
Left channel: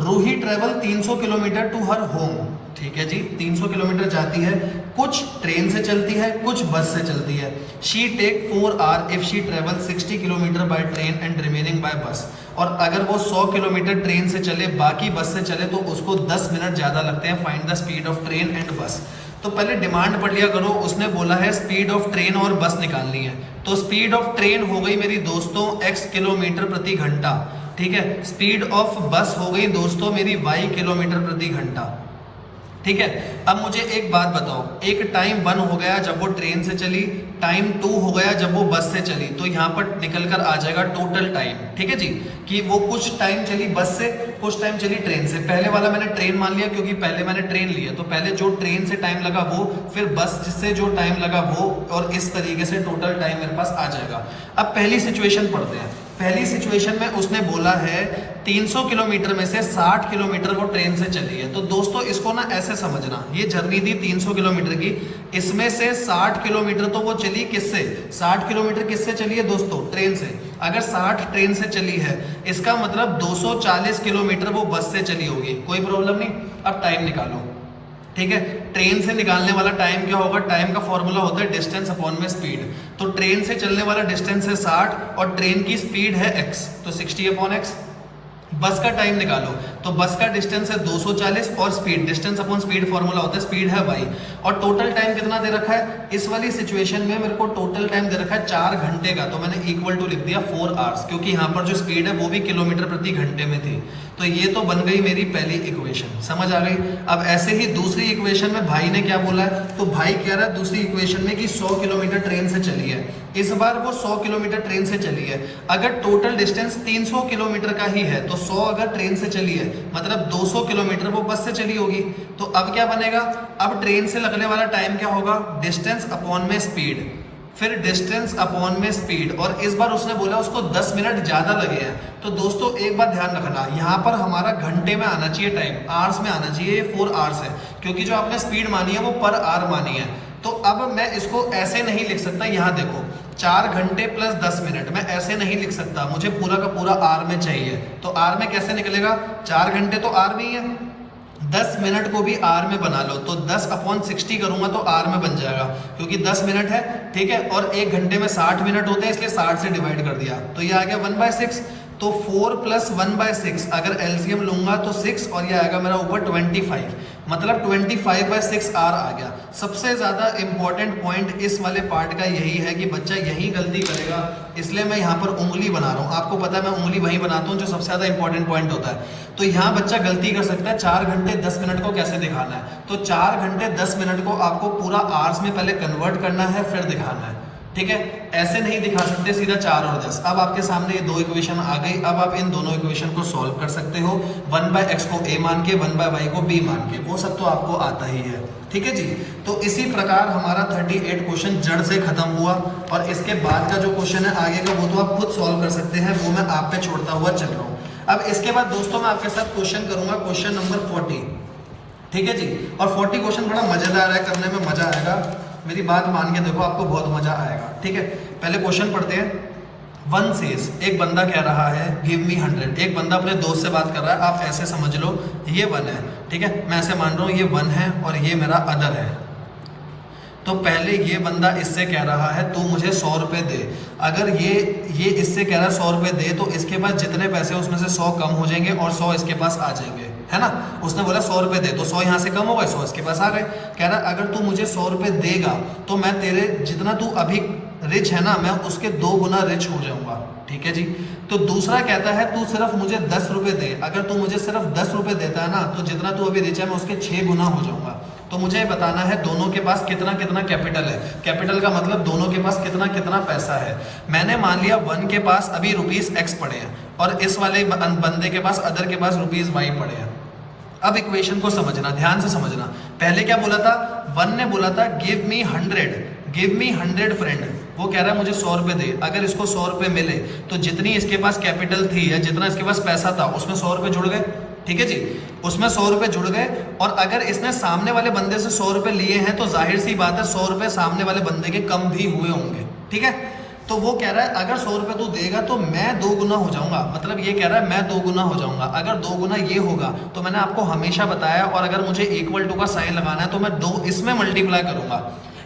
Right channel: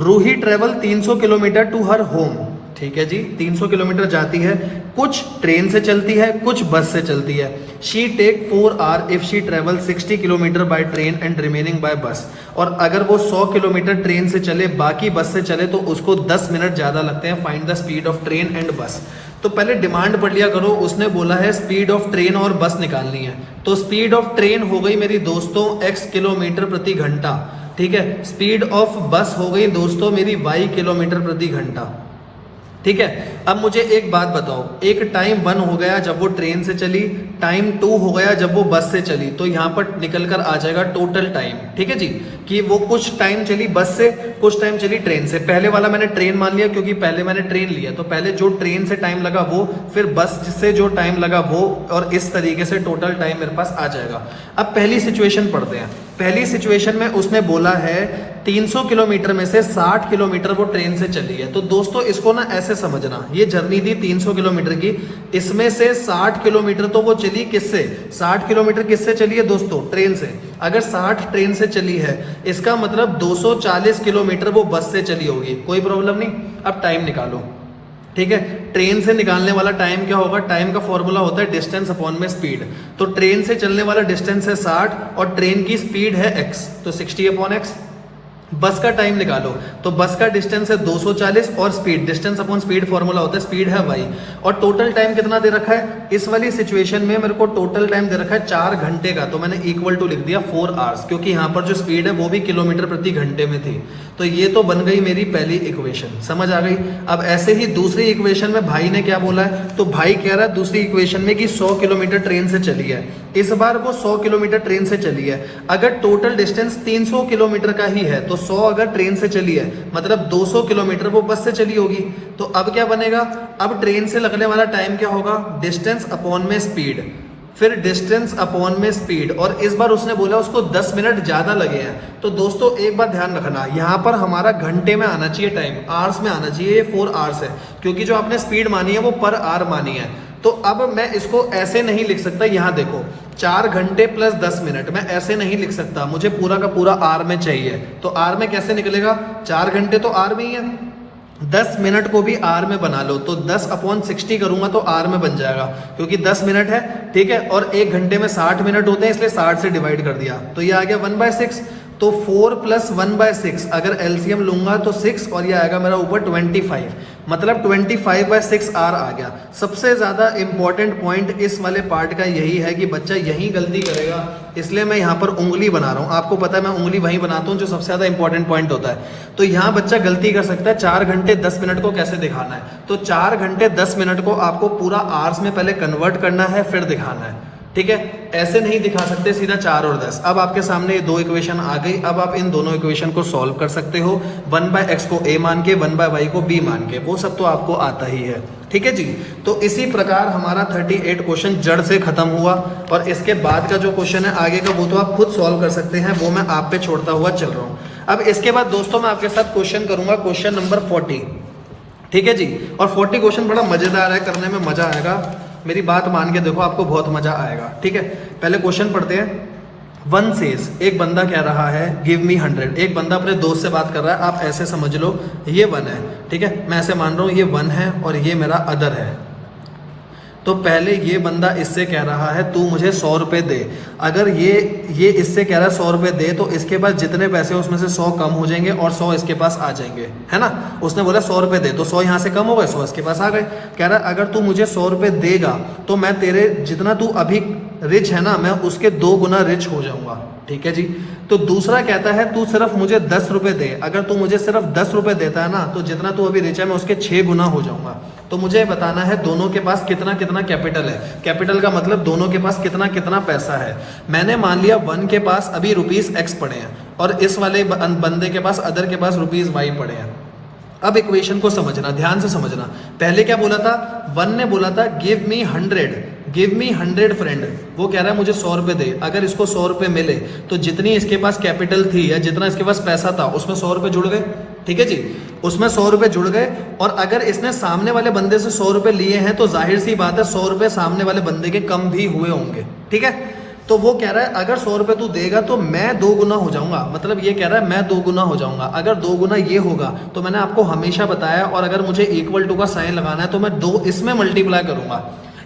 Ruhi travel 300 kilometre to her home, ठीक है जी, 300 किलोमीटर जाती है, कुछ ट्रेन से चलती है, कुछ बस से चलती है। She take 4 hour if she travel 60 kilometre by train and remaining by bus. और अगर वो 100 किलोमीटर ट्रेन से चले, बाकी बस से चले, तो उसको 10 मिनट ज्यादा लगते हैं। Find the speed of train and बस। तो पहले डिमांड पढ़ लिया करो, उसने बोला है स्पीड ऑफ ट्रेन और बस निकालनी है। तो स्पीड ऑफ ट्रेन हो गई मेरी दोस्तों x किलोमीटर प्रति घंटा, ठीक है। स्पीड ऑफ बस हो गई दोस्तों मेरी y किलोमीटर प्रति घंटा, ठीक है। अब मुझे एक बात बताओ, एक टाइम 1 हो गया जब वो ट्रेन से चली, टाइम 2 हो गया जब वो बस से चली, तो यहां पर निकल कर आ जाएगा टोटल टाइम, ठीक है जी, कि वो कुछ टाइम चली बस से, कुछ टाइम चली ट्रेन से। पहले वाला मैंने ट्रेन मान लिया क्योंकि पहले मैंने ट्रेन लिया, तो पहले जो ट्रेन से टाइम लगा वो, फिर बस से जो टाइम लगा वो, और इस तरीके से टोटल टाइम मेरे पास आ जाएगा। अब पहली सिचुएशन पढ़ते हैं। पहली सिचुएशन में उसने बोला है 300 किलोमीटर में से 60 किलोमीटर वो ट्रेन से चली है। तो दोस्तों इसको ना ऐसे समझना, ये जर्नी थी 300 किलोमीटर की, इसमें से 60 किलोमीटर तो वो चली किससे, 60 किलोमीटर किससे चली है दोस्तों, ट्रेन से। अगर 60 ट्रेन से चली है, इसका मतलब 240 किलोमीटर वो बस से चली होगी, कोई प्रॉब्लम नहीं। अब टाइम निकालो, ठीक है। ट्रेन से निकालने वाला टाइम क्या होगा, टाइम का फॉर्मूला होता है डिस्टेंस अपॉन में स्पीड। तो ट्रेन से चलने वाला डिस्टेंस है 60 और ट्रेन की स्पीड है x, तो 60/x। बस का टाइम निकालो, तो बस का डिस्टेंस है 240 और speed, distance upon speed formula होता है, स्पीड है y। और टोटल टाइम कितना दे रखा है इस वाली सिचुएशन में, मेरे को टोटल टाइम दे रखा है 4 घंटे का, तो मैंने इक्वल टू लिख दिया 4 आवर्स, क्योंकि यहाँ पर जो स्पीड है वो भी किलोमीटर प्रति घंटे में थी। तो ये तो बन गई मेरी पहली इक्वेशन, समझ आ गई। अब ऐसे ही दूसरी इक्वेशन में भाई ने क्या बोला है, तो भाई कह रहा है दूसरी इक्वेशन में कि 100 किलोमीटर ट्रेन से चली है। इस बार वो 100 किलोमीटर ट्रेन से चली है। अगर टोटल डिस्टेंस 300 किलोमीटर का ही है, तो 100 अगर ट्रेन से चली है, मतलब 200 किलोमीटर वो बस से चली होगी। तो अब क्या बनेगा, अब ट्रेन से लगने वाला टाइम क्या होगा, डिस्टेंस अपॉन में स्पीड, फिर डिस्टेंस अपॉन में स्पीड, और इस बार उसने बोला उसको 10 मिनट ज्यादा लगे हैं। तो दोस्तों एक बात ध्यान रखना, यहाँ पर हमारा घंटे में आना चाहिए टाइम, आवर्स में आना चाहिए, 4 आवर्स है, क्योंकि जो आपने स्पीड मानी है वो पर आवर मानी है। तो अब मैं इसको ऐसे नहीं लिख सकता, यहाँ देखो 4 घंटे प्लस 10 मिनट, मैं ऐसे नहीं लिख सकता, मुझे पूरा का पूरा आर में चाहिए। तो आर में कैसे निकलेगा, 4 घंटे तो आर में ही है, 10 मिनट को भी आर में बना लो, तो 10/60 करूंगा तो आर में बन जाएगा, क्योंकि 10 मिनट है, ठीक है। और एक घंटे में 60 मिनट होते हैं, इसलिए 60 से डिवाइड कर दिया, तो ये आ गया 1/6। तो 4 + 1/6 अगर एलसीएम लूंगा तो 6, और ये आएगा मेरा ऊपर 25, मतलब 25/6 आर आ गया। सबसे ज्यादा इंपॉर्टेंट पॉइंट इस वाले पार्ट का यही है कि बच्चा यही गलती करेगा, इसलिए मैं यहाँ पर उंगली बना रहा हूँ। आपको पता है मैं उंगली वहीं बनाता हूँ जो सबसे ज्यादा इंपॉर्टेंट पॉइंट होता है। तो यहाँ बच्चा गलती कर सकता है, 4 घंटे 10 मिनट को कैसे दिखाना है, तो 4 घंटे 10 मिनट को आपको पूरा आवर्स में पहले कन्वर्ट करना है, फिर दिखाना है, ठीक है। ऐसे नहीं दिखा सकते सीधा 4 और 10। अब आपके सामने ये 2 इक्वेशन आ गई, अब आप इन दोनों इक्वेशन को सॉल्व कर सकते हो, 1/x को a मान के, 1/y को b मान के, वो सब तो आपको आता ही है, ठीक है जी। तो इसी प्रकार हमारा 38 क्वेश्चन जड़ से खत्म हुआ, और इसके बाद का जो क्वेश्चन है आगे का वो तो आप खुद सॉल्व कर सकते हैं, वो मैं आप पे छोड़ता हुआ चल रहा हूँ। अब इसके बाद दोस्तों मैं आपके साथ क्वेश्चन करूंगा, क्वेश्चन नंबर 40, ठीक है जी। और 40 क्वेश्चन बड़ा मजेदार है, करने में मजा आएगा, मेरी बात मान के देखो, आपको बहुत मजा आएगा, ठीक है। पहले क्वेश्चन पढ़ते हैं। 1 says, एक बंदा कह रहा है गिव मी 100, एक बंदा अपने दोस्त से बात कर रहा है, आप ऐसे समझ लो ये 1 है, ठीक है, मैं ऐसे मान रहा हूं ये 1 है और ये मेरा अदर है। तो पहले ये बंदा इससे कह रहा है तू मुझे 100 रुपए दे। अगर ये इससे कह रहा है 100 रुपए दे, तो इसके पास जितने पैसे उसमें से 100 कम हो जाएंगे और 100 इसके पास आ जाएंगे, है ना। उसने बोला 100 रुपए दे, तो 100 यहाँ से कम होगा, 100 इसके पास आ गए। कह रहा है अगर तू मुझे 100 रुपए देगा तो मैं तेरे जितना तू अभी रिच है ना, मैं उसके 2 गुना रिच हो जाऊंगा, ठीक है जी। तो दूसरा कहता है तू सिर्फ मुझे 10 रुपए दे, अगर तू मुझे सिर्फ 10 रुपए देता है ना, तो जितना तू अभी रिच है मैं उसके 6 गुना हो जाऊंगा। तो मुझे बताना है दोनों के पास कितना कितना कैपिटल है। कैपिटल का मतलब दोनों के पास कितना कितना पैसा है। मैंने मान लिया वन के पास अभी ₹X पड़े हैं और इस वाले बंदे के पास, अदर के पास ₹Y पड़े हैं। अब इक्वेशन को समझना, ध्यान से समझना। पहले क्या बोला था, वन ने बोला था गिव मी 100 फ्रेंड। वो कह रहा है मुझे 100 रुपए दे। अगर इसको 100 रुपए मिले तो जितनी इसके पास कैपिटल थी या जितना इसके पास पैसा था उसमें 100 रुपए जुड़ गए। ठीक है जी, उसमें 100 रुपए जुड़ गए। और अगर इसने सामने वाले बंदे से 100 रुपए लिए हैं तो जाहिर सी बात है 100 रुपए सामने वाले बंदे के कम भी हुए होंगे। ठीक है, तो वो कह रहा है अगर 100 रुपए तू देगा तो मैं 2 गुना हो जाऊंगा। मतलब ये कह रहा है मैं 2 गुना हो जाऊंगा। अगर 2 गुना ये होगा तो मैंने आपको हमेशा बताया, और अगर मुझे इक्वल टू का साइन लगाना है तो मैं 2 इसमें मल्टीप्लाई करूंगा।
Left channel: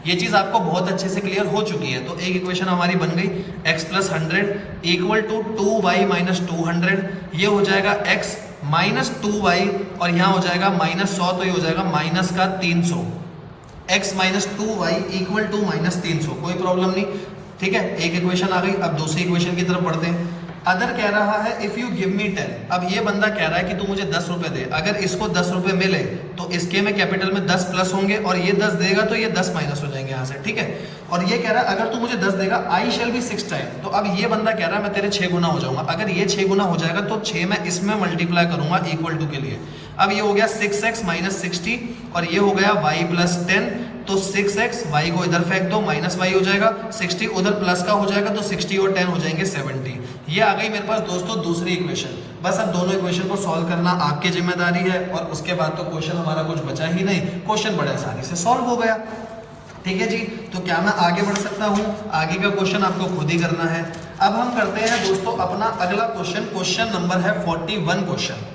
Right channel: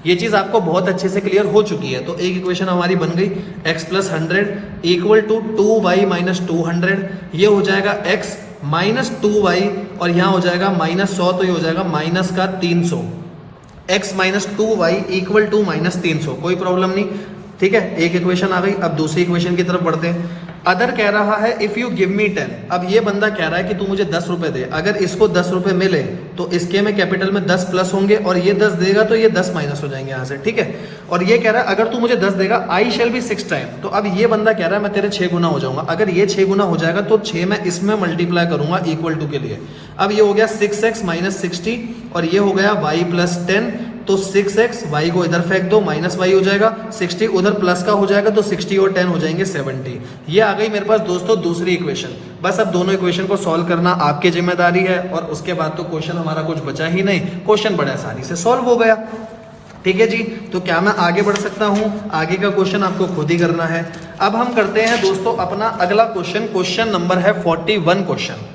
ये चीज आपको बहुत अच्छे से क्लियर हो चुकी है। तो एक इक्वेशन हमारी बन गई x + 100 इक्वल टू 2y - 200। ये हो जाएगा x - 2y और यहाँ हो जाएगा -100, तो ये हो जाएगा माइनस का 300। x - 2y इक्वल टू -300, कोई प्रॉब्लम नहीं। ठीक है, एक इक्वेशन आ गई। अब दूसरी इक्वेशन की तरफ बढ़ते हैं। अदर कह रहा है इफ यू गिव मी 10। अब ये बंदा कह रहा है कि तू मुझे 10 रुपए दे। अगर इसको 10 रुपए मिले तो इसके में कैपिटल में 10 प्लस होंगे और ये 10 देगा तो ये 10 माइनस हो जाएंगे यहाँ से। ठीक है, और ये कह रहा है अगर तू मुझे 10 देगा आई शैल बी 6 टाइम। तो अब ये बंदा कह रहा है मैं तेरे 6 गुना हो जाऊंगा। अगर ये 6 गुना हो जाएगा तो 6 में इसमें मल्टीप्लाई करूंगा इक्वल टू के लिए। अब ये हो गया 6x - 60 और ये हो गया y + 10। तो 6x, y को इधर फेंक दो, -y हो जाएगा। 60 उधर प्लस का हो जाएगा तो 60 और 10 हो जाएंगे 70। ये आ गई मेरे पास दोस्तों दूसरी इक्वेशन। बस अब दोनों इक्वेशन को सॉल्व करना आपकी जिम्मेदारी है और उसके बाद तो क्वेश्चन हमारा कुछ बचा ही नहीं। क्वेश्चन बड़े आसानी से सॉल्व हो गया। ठीक है जी, तो क्या मैं आगे बढ़ सकता हूं? आगे का क्वेश्चन आपको खुद ही करना है। अब हम करते हैं दोस्तों अपना अगला क्वेश्चन। क्वेश्चन नंबर है 41 क्वेश्चन।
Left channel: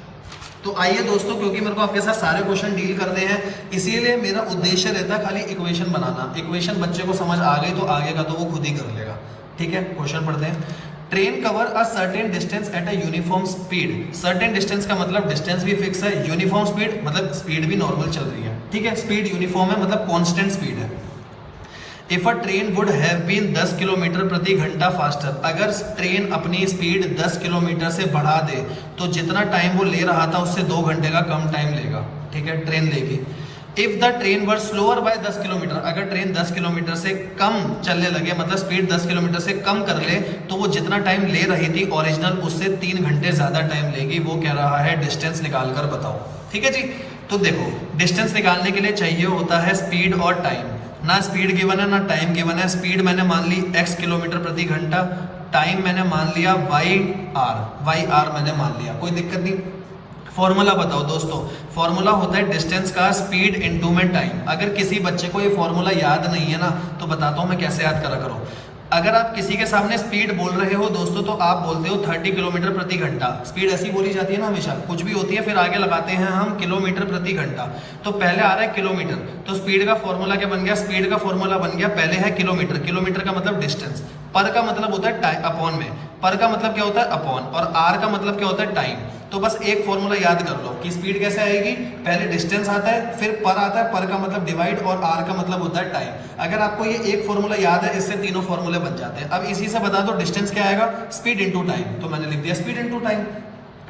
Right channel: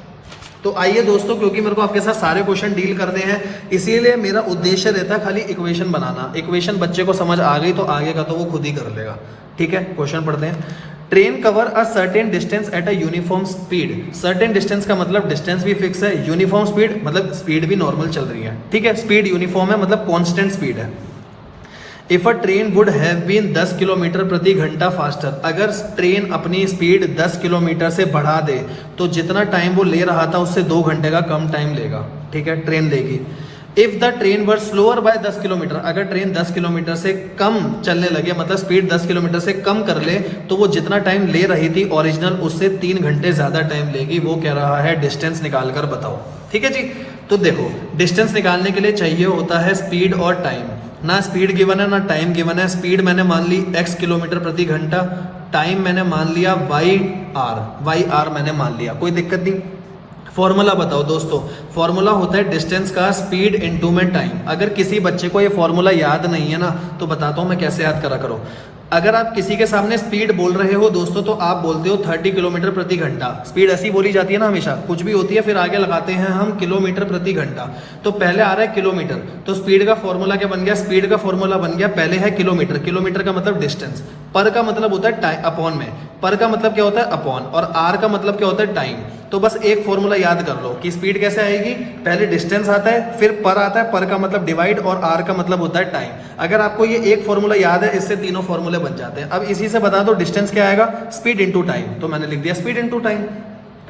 तो आइए दोस्तों, क्योंकि मेरे को आपके साथ सारे क्वेश्चन डील करते हैं इसीलिए मेरा उद्देश्य रहता है खाली इक्वेशन बनाना। इक्वेशन बच्चे को समझ आ गई तो आगे का तो वो खुद ही कर लेगा। ठीक है, क्वेश्चन पढ़ते हैं। Train cover a certain distance at a uniform speed. Certain distance का मतलब डिस्टेंस भी फिक्स है, यूनिफॉर्म स्पीड मतलब स्पीड भी नॉर्मल चल रही है। ठीक है, स्पीड यूनिफॉर्म है मतलब कांस्टेंट स्पीड है। If a train would have been 10 kilometre प्रति घंटा फास्टर। अगर ट्रेन अपनी स्पीड 10 किलोमीटर से बढ़ा दे तो जितना टाइम वो ले रहा था उससे 2 घंटे का कम टाइम लेगा। ठीक है, ट्रेन लेगी। If the train were slower by 10 kilometre. अगर ट्रेन 10 किलोमीटर से कम चलने लगे, मतलब स्पीड 10 किलोमीटर से कम कर ले, तो वो जितना टाइम ले रही थी ओरिजिनल उससे 3 घंटे ज्यादा टाइम लेगी। वो कह रहा है डिस्टेंस निकाल कर बताओ। ठीक है जी, तो देखो डिस्टेंस निकालने के लिए चाहिए होता है स्पीड और टाइम। ना स्पीड गिवन है ना टाइम गिवन है। स्पीड मैंने मान ली x किलोमीटर प्रति घंटा, टाइम मैंने मान लिया y r मैंने मान लिया, कोई दिक्कत नहीं। फॉर्मूला बताओ दोस्तों। फॉर्मूला होता है डिस्टेंस का स्पीड इनटू में टाइम। अगर किसी बच्चे को ये फॉर्मूला याद नहीं है ना तो बताता हूं मैं कैसे याद करा करो। अगर आप किसी के सामने स्पीड बोल रहे हो दोस्तों तो आप बोलते हो 30 किलोमीटर प्रति घंटा। स्पीड ऐसी बोली जाती है ना हमेशा, कुछ भी होती है फिर आगे लगाते हैं हम किलोमीटर प्रति घंटा। तो पहले आ रहा है किलोमीटर, तो स्पीड का फॉर्मूला क्या बन गया? स्पीड का फॉर्मूला बन गया, पहले है किलोमीटर। किलोमीटर का मतलब डिस्टेंस, पर का मतलब होता है टाइम अपॉन में, पर का मतलब क्या होता है अपॉन, और आर का मतलब क्या होता है टाइम। तो बस एक फॉर्मूला याद कर लो कि स्पीड कैसे आएगी। पहले डिस्टेंस आता है, फिर पर आता है, पर का मतलब डिवाइड, और आर का मतलब होता है टाइम। अगर आपको ये एक फॉर्मूला याद है, इससे तीनों फॉर्मूले बन जाते हैं। अब इसी से बता दो डिस्टेंस क्या आएगा, स्पीड इंटू टाइम। तो मैंने लिख दिया स्पीड इंटू टाइम।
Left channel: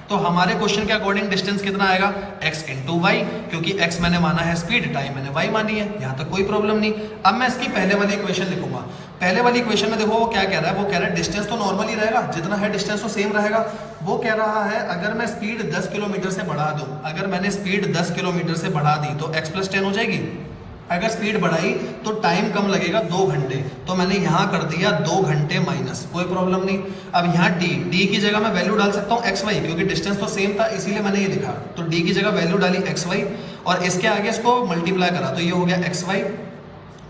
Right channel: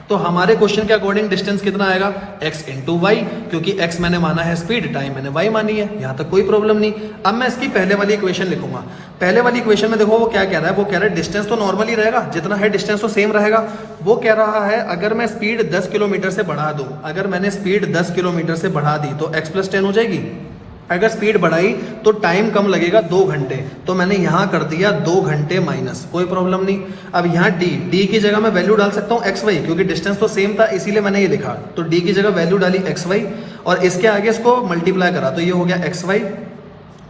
तो हमारे क्वेश्चन के अकॉर्डिंग डिस्टेंस कितना आएगा, x इंटू वाई, क्योंकि x मैंने माना है स्पीड, टाइम मैंने y मानी है। यहां तक कोई प्रॉब्लम नहीं। अब मैं इसकी पहले वाली इक्वेशन लिखूंगा। पहले वाली इक्वेशन में देखो वो क्या कह रहा है, वो कह रहा है डिस्टेंस तो नॉर्मल ही रहेगा, जितना है डिस्टेंस तो सेम रहेगा। वो कह रहा है अगर मैं स्पीड 10 किलोमीटर से बढ़ा दूं, अगर मैंने स्पीड 10 किलोमीटर से बढ़ा दी तो x + 10 हो जाएगी। अगर स्पीड बढ़ाई तो टाइम कम लगेगा 2 घंटे, तो मैंने यहां कर दिया 2 घंटे माइनस, कोई प्रॉब्लम नहीं। अब यहाँ d की जगह मैं वैल्यू डाल सकता हूँ xy, क्योंकि डिस्टेंस तो सेम था इसीलिए मैंने ये लिखा। तो d की जगह वैल्यू डाली xy और इसके आगे इसको मल्टीप्लाई करा, तो ये हो गया xy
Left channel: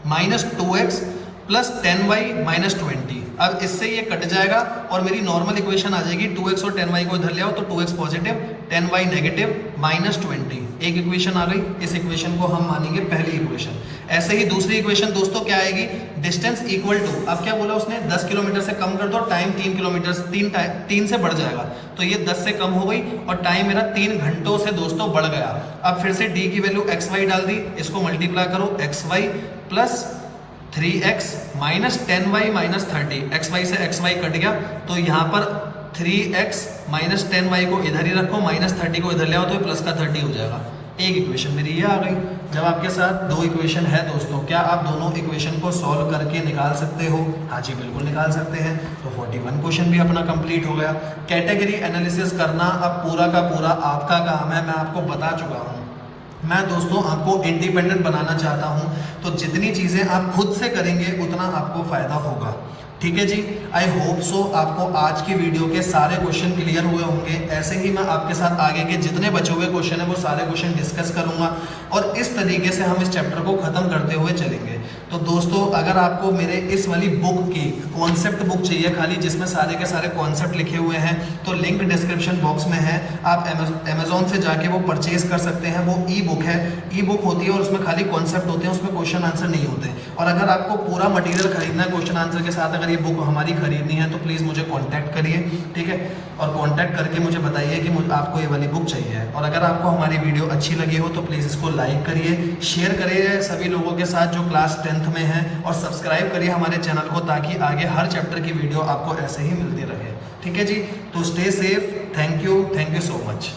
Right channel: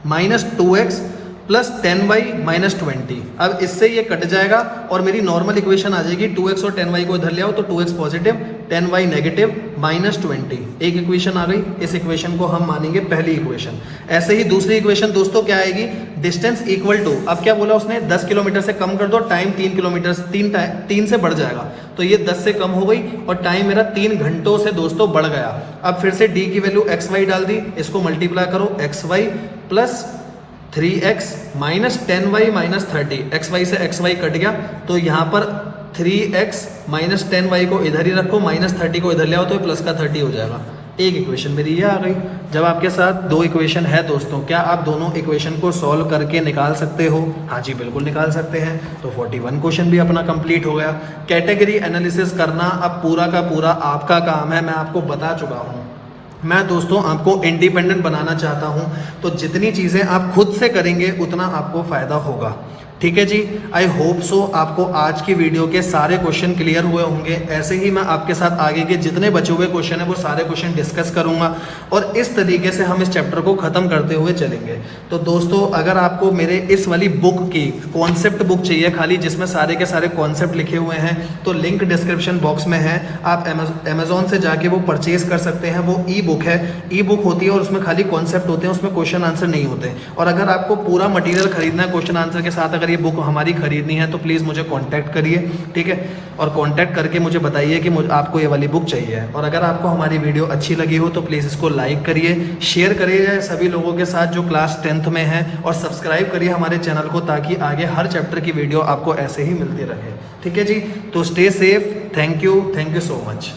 minus 2x plus 10y minus 20। अब इससे ये कट जाएगा और मेरी नॉर्मल इक्वेशन आ जाएगी 2x और 10y को इधर ले आओ तो 2x positive 10y negative minus 20। एक इक्वेशन आ गई, इस इक्वेशन को हम मानेंगे पहली इक्वेशन। ऐसे ही दूसरी इक्वेशन दोस्तों क्या आएगी, डिस्टेंस इक्वल टू, अब क्या बोला उसने 10 किलोमीटर से कम कर दो, टाइम 3 किलोमीटर 3 से बढ़ जाएगा, तो ये 10 से कम हो गई और टाइम मेरा 3 घंटों से दोस्तों बढ़ गया। अब फिर से d की वैल्यू xy डाल दी, इसको मल्टीप्लाई करो xy plus 3x minus 10y minus 30, xy से xy कट गया तो यहाँ पर 3x माइनस 10y को इधर ही रखो, माइनस 30 को इधर ले आओ तो प्लस का 30 हो जाएगा। एक इक्वेशन मेरी ये आ गई। जब आपके साथ दो इक्वेशन है दोस्तों, क्या आप दोनों इक्वेशन को सॉल्व करके निकाल सकते हो? हाँ जी बिल्कुल निकाल सकते हैं। तो 41 क्वेश्चन भी अपना कंप्लीट हो गया। कैटेगरी एनालिसिस करना अब पूरा का पूरा आपका काम है, मैं आपको बता चुका हूँ। मैं दोस्तों आपको इंडिपेंडेंट बनाना चाहता हूं, तो जितनी चीजें आप खुद से करेंगे उतना आपको फायदा होगा। ठीक है जी, आई होप सो आपको आज की वीडियो के सारे क्वेश्चन क्लियर हुए होंगे। ऐसे ही मैं आपके साथ आगे के जितने बचे हुए क्वेश्चन है वो सारे क्वेश्चन डिस्कस करूंगा और इस तरीके से हम इस चैप्टर को खत्म करते हुए चलेंगे। तो दोस्तों अगर आपको मेरे इस वाली बुक की कॉन्सेप्ट बुक चाहिए खाली, जिसमें सारे के सारे कॉन्सेप्ट लिखे हुए हैं, तो लिंक डिस्क्रिप्शन बॉक्स में है। आप अमेजोन से जाके वो परचेज कर सकते हैं। वो ई बुक है, ई बुक होती है और उसमें खाली कॉन्सेप्ट होते हैं, उसमें क्वेश्चन आंसर नहीं होते। और अगर आपको पूरा मटेरियल खरीदना है क्वेश्चन आंसर के साथ, अगर ये बुक हमारी खरीदनी है तो प्लीज मुझे कांटेक्ट करिए, ठीक है। और कांटेक्ट करके मुझे बताइए कि आपको ये वाली बुक चाहिए। और अगर आपको हमारी वीडियो अच्छी लगी हो तो प्लीज इसको लाइक करिए, शेयर करिए सभी लोगों के साथ जो क्लास 10th में है, और सब्सक्राइब करिए हमारे चैनल को ताकि आगे हर चैप्टर की वीडियो आपको ऐसे ही मिलती रहे। ठीक है जी, तो stay safe. Thank you so much.